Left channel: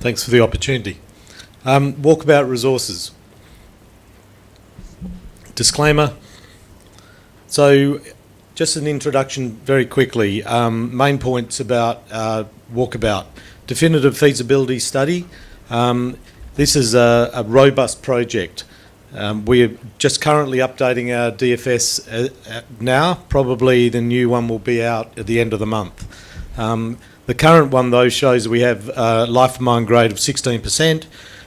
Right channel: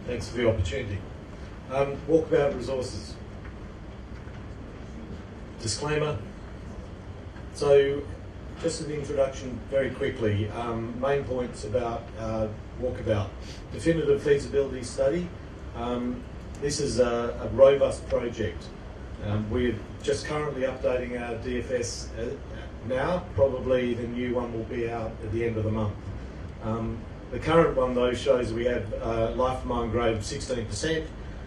Thanks for the opportunity. Walkabout Resources. Disclaimer. So, just an introduction very quickly. Main points about Walkabout. Definitive feasibility study. This is a robust project. We're just currently updating our DFS now. Probably the new one will be out at the end of the month. The current one, though, shows we have life of mine grade of 16%.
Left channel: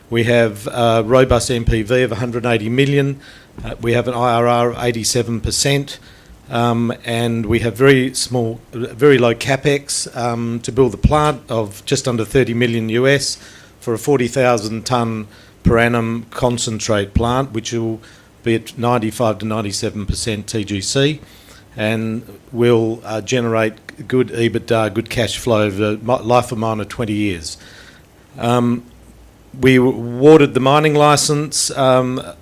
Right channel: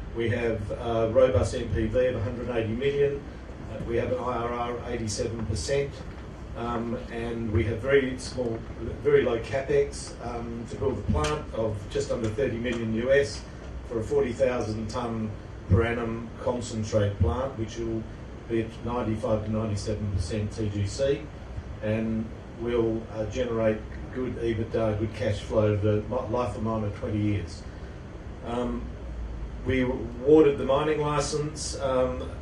We have robust NPV of 180 million. We have an IRR of 87%. And we have very low capex to build the plant of just under 30 million US for a 40,000 tonne per annum concentrate plant, which will be at 95 to 97% TGC, and will generate good EBITDA, good cash flow over life of mine of 20 years. We awarded the mining licence, a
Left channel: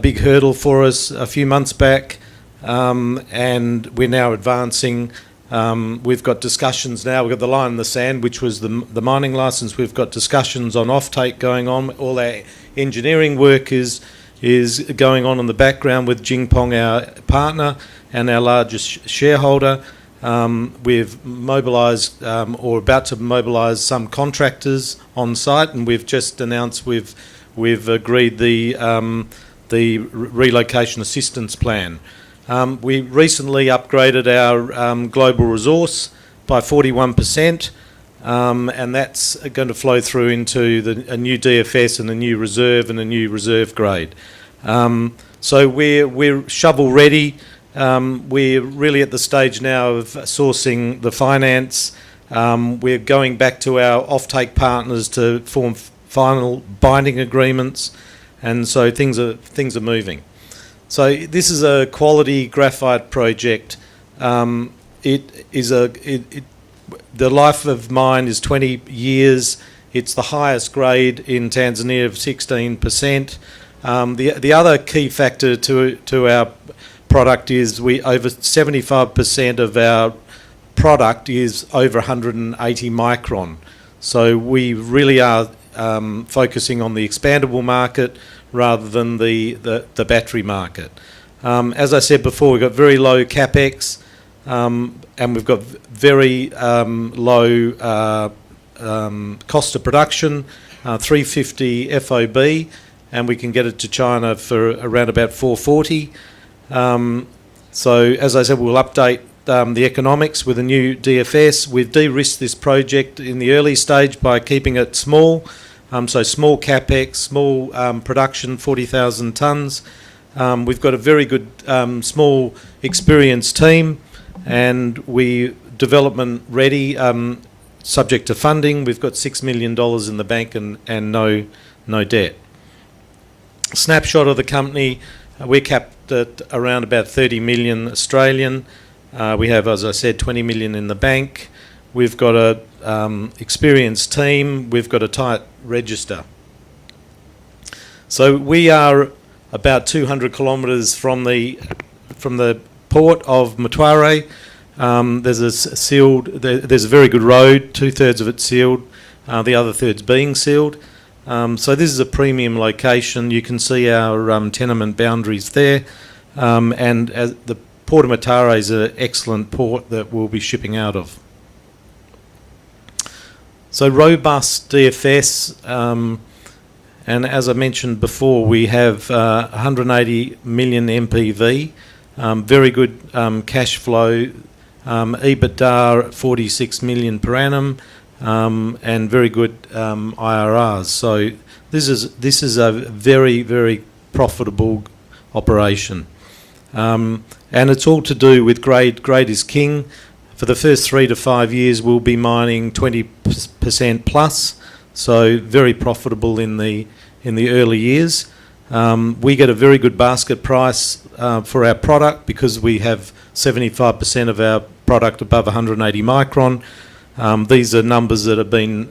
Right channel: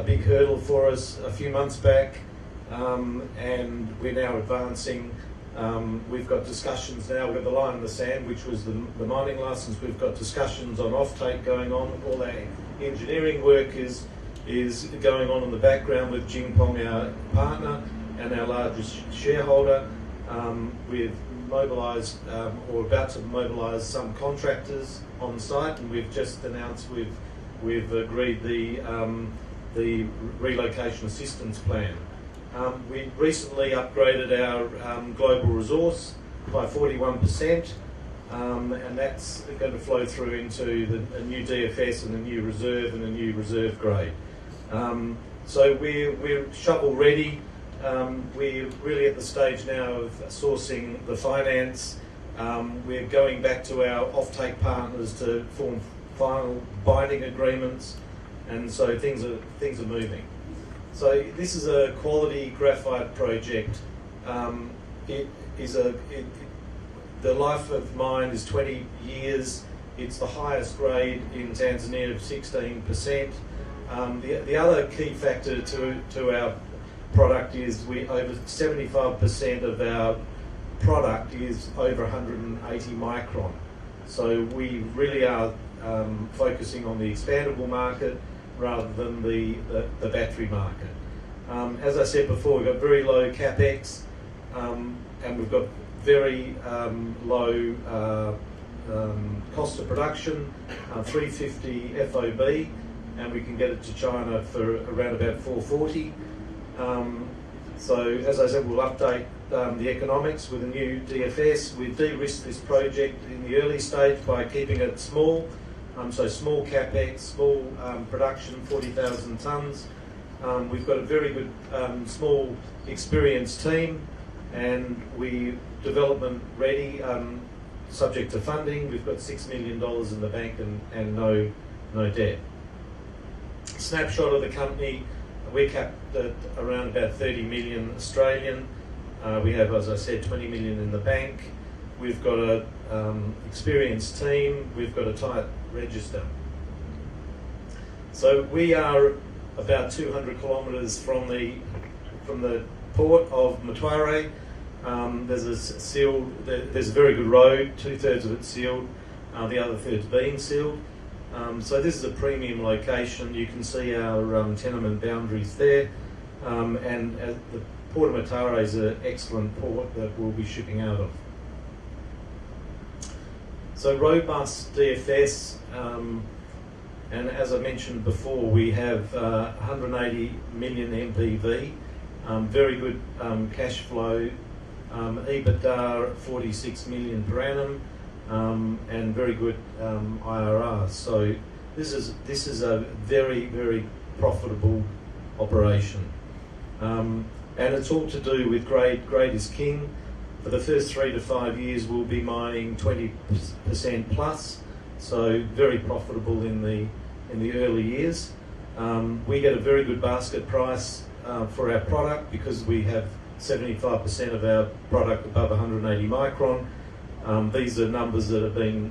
big hurdle for us a few months back, and we're now advancing. We've got discussions now. We've got the line in the sand, which was the mining licence. We've got discussions on offtake going on. All our engineering work is going on in the background with Jingpong, our partner and our largest shareholder. We've mobilised or about to mobilise some contractors on site, and we've just announced we've agreed the relocation assistance plan. We recently upgraded our global resource by 41%, and that's going to flow through into a new DFS and a new reserve and a new reserve grade. So we're shovel ready. We're really at the stage now of sourcing the finance. We're going back to our offtake partners to form final binding agreements, and so things are moving. So this is a quality graphite project. The life of mine is 20 years. It's the highest grade in Tanzania of 16%. The other key factor to our product is over 75% of our product is over 180 micron. So we really are focusing on the expandable market rather than the battery market. As I said before, we've got very low capex, and we've got very low cost of production, 350 FOB, and we can get it to China for around about 440. So as I said, we'll update the economics with a new DFS. We've de-risked this project in the early stage by keeping it small. So small capex, small production, 40,000 tonnes. We've got a very good small experienced team, and we development ready, subject to funding. We've got $6 million in the bank and no debt. Snapshot of the company. We're capped at around about 30 million Australian. We have, as I said, 20 million in the bank. We've got a experienced team. We've got a tight register. So we are about 200 kilometres from the port of Mtwara. There's a very good road. 2/3 of it's sealed. The other third's being sealed. So this is a premium location. You can see our tenement boundaries there, and the Port of Mtwara is an excellent port that we'll be shipping out of. So robust DFS, and as I mentioned before, we have 180 million MPV, very good cash flow, EBITDA 46 million per annum, and very good IRRs. So this is a very, very profitable operation, and it's all to do with grade. Grade is king. For the first 3 to 5 years, we'll be mining 20% plus, so very profitable in the early years. We get a very good basket price for our product because we have 75% of our product above 180 micron. These are numbers that have been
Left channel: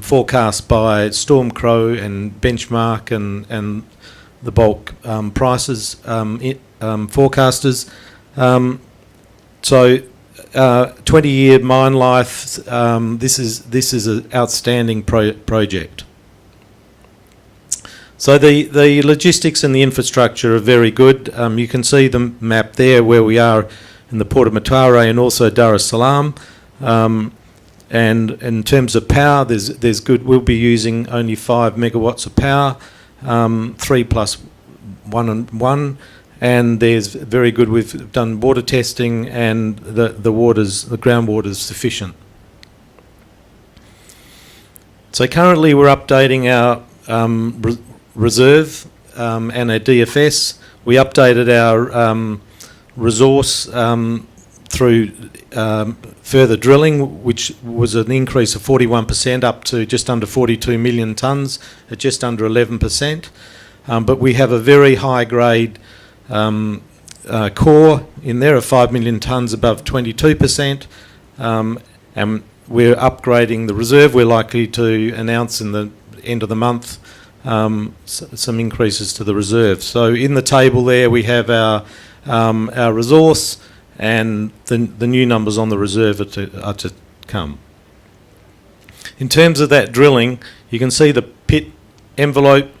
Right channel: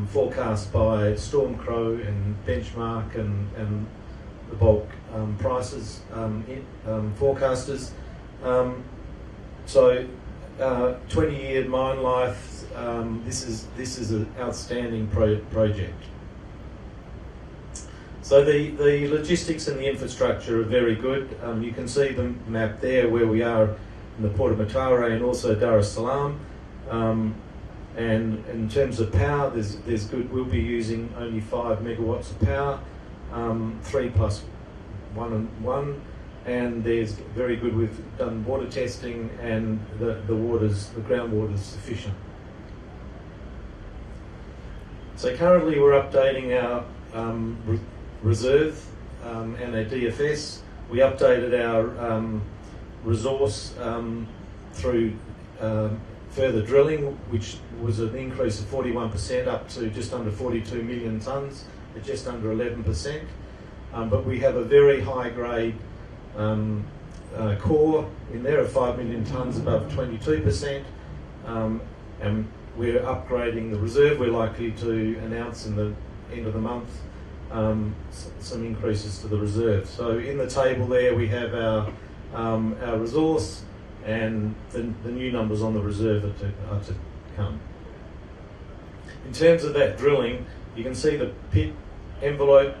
forecast by Stormcrow and Benchmark and the bulk prices forecasters. So 20-year mine life. This is an outstanding project. So the logistics and the infrastructure are very good. You can see the map there where we are in the Port of Matare and also Dar es Salaam. And in terms of power, there's good. We'll be using only 5 megawatts of power, 3 plus 1 and 1. And there's very good. We've done water testing, and the groundwater is sufficient. So currently we're updating our reserve and our DFS. We updated our resource through further drilling, which was an increase of 41% up to just under 42 million tonnes at just under 11%. But we have a very high grade core in there of 5 million tonnes above 22%. And we're upgrading the reserve. We're likely to announce in the end of the month some increases to the reserve. So in the table there we have our resource, and the new numbers on the reserve are to come. In terms of that drilling, you can see the pit envelope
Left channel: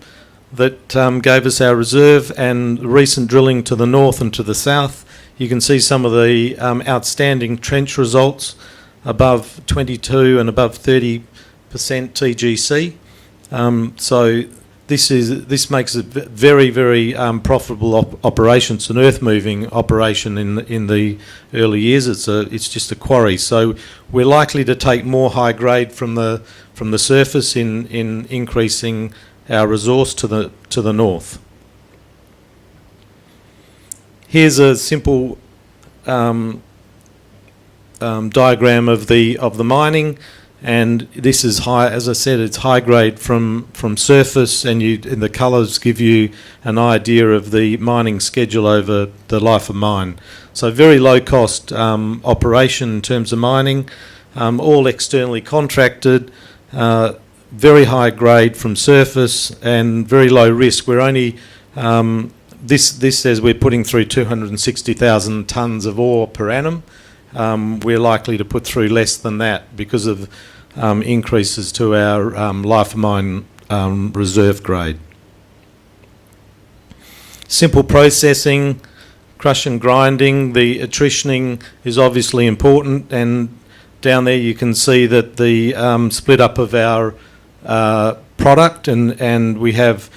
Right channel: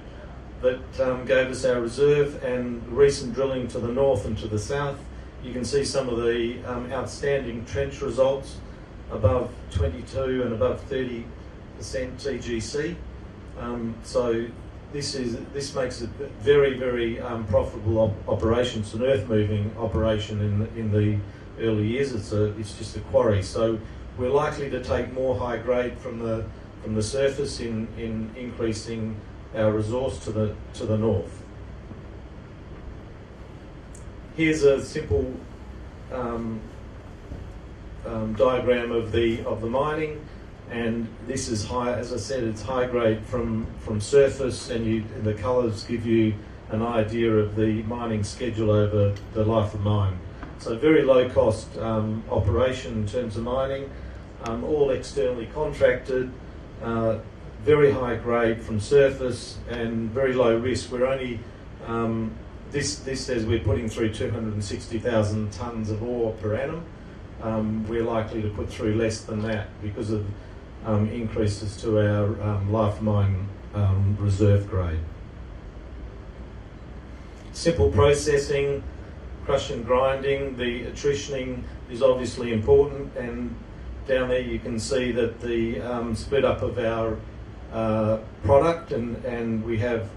that gave us our reserve, and recent drilling to the north and to the south. You can see some of the outstanding trench results above 22 and above 30% TGC. So this makes it very, very profitable operation. It's an earth-moving operation in the early years. It's just a quarry. So we're likely to take more high grade from the surface in increasing our resource to the north. Here's a simple diagram of the mining. And this is high, as I said, it's high grade from surface, and the colours give you an idea of the mining schedule over the life of mine. So very low cost operation in terms of mining, all externally contracted, very high grade from surface, and very low risk. We're only this says we're putting through 260,000 tonnes of ore per annum. We're likely to put through less than that because of increases to our life of mine reserve grade. Simple processing, crush and grinding. The attritioning is obviously important, and down there you can see that the split up of our product, and we have,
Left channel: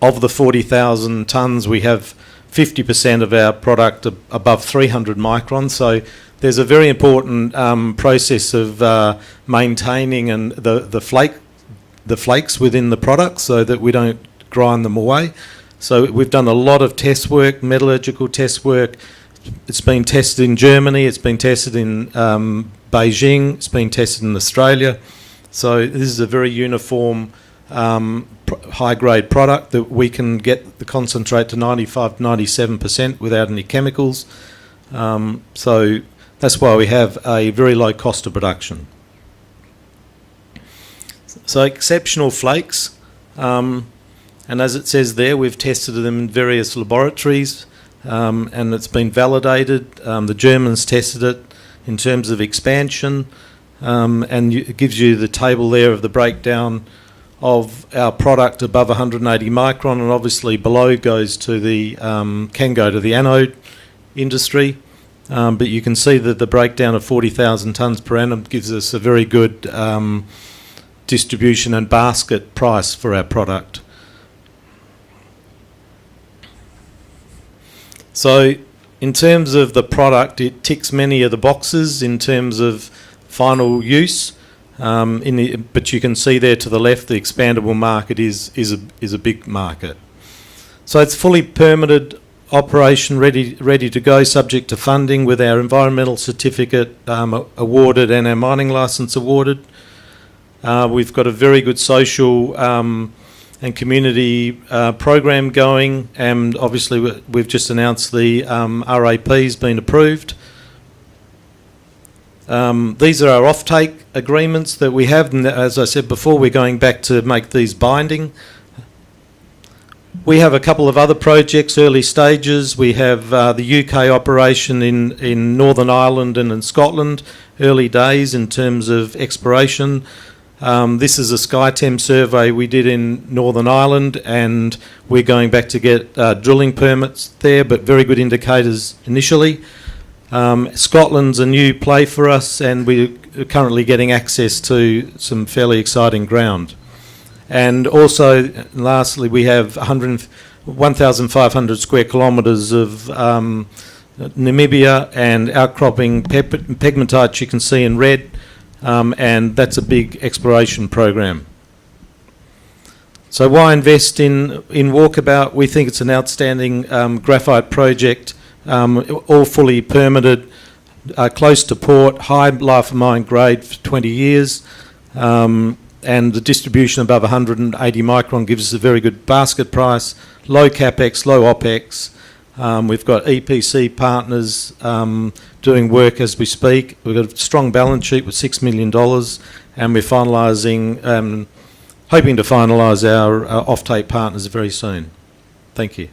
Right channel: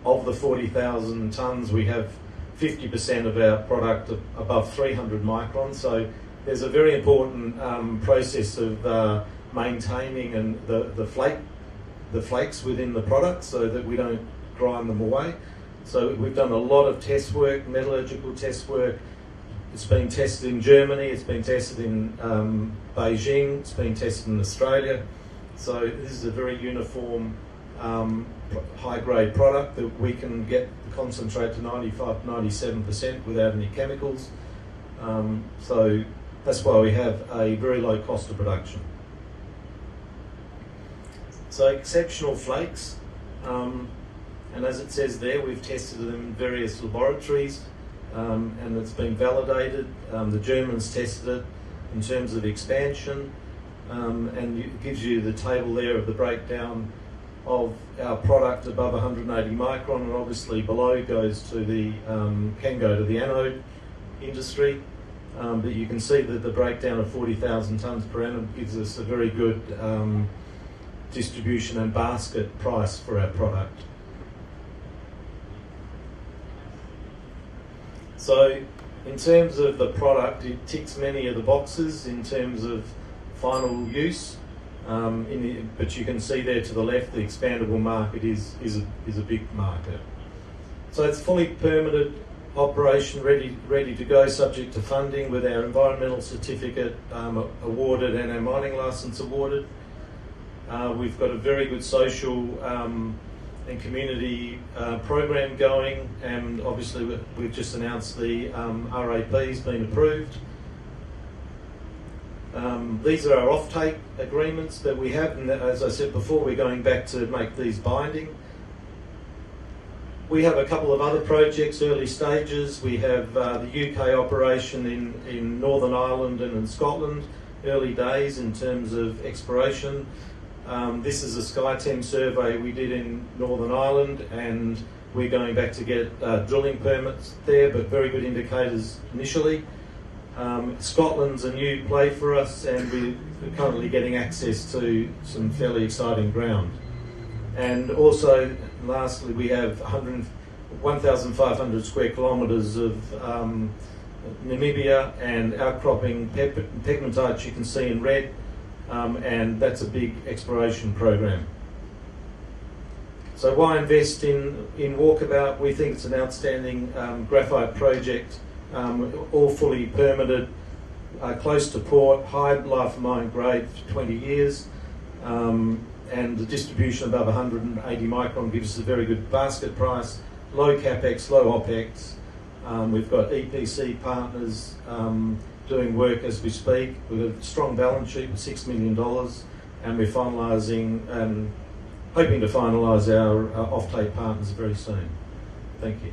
of the 40,000 tonnes, we have 50% of our product above 300 microns. So there's a very important process of maintaining the flakes within the product so that we don't grind them away. So we've done a lot of test work, metallurgical test work. It's been tested in Germany, it's been tested in Beijing, it's been tested in Australia. So this is a very uniform high-grade product that we can get the concentrate to 95-97% without any chemicals. So that's why we have a very low cost of production. So exceptional flakes, and as it says there, we've tested them in various laboratories, and it's been validated. The Germans tested it in terms of expansion, and it gives you the table there of the breakdown of our product above 180 micron, and obviously below goes to can go to the anode industry. But you can see that the breakdown of 40,000 tonnes per annum gives us a very good distribution and basket price for our product. So in terms of the product, it ticks many of the boxes in terms of final use. But you can see there to the left, the expandable market is a big market. So it's fully permitted operation, ready to go, subject to funding, with our environmental certificate awarded and our mining licence awarded. We've got a very good social and community program going, and obviously we've just announced the RAP's been approved. These are our offtake agreements that we have, and as I said before, we're going back to make these binding. We have a couple of other projects, early stages. We have the UK operation in Northern Ireland and in Scotland, early days in terms of exploration. This is a SkyTem survey we did in Northern Ireland, and we're going back to get drilling permits there, but very good indicators initially. Scotland's a new play for us, and we're currently getting access to some fairly exciting ground. And also, lastly, we have 1,500 square kilometres of Namibia and outcropping pegmatite you can see in red, and that's a big exploration program. So why invest in Walkabout? We think it's an outstanding graphite project, all fully permitted, close to port, high life of mine grade for 20 years, and the distribution above 180 micron gives us a very good basket price, low capex, low opex. We've got EPC partners doing work as we speak. We've got a strong balance sheet with $6 million, and we're finalising, hoping to finalise our offtake partners very soon. Thank you.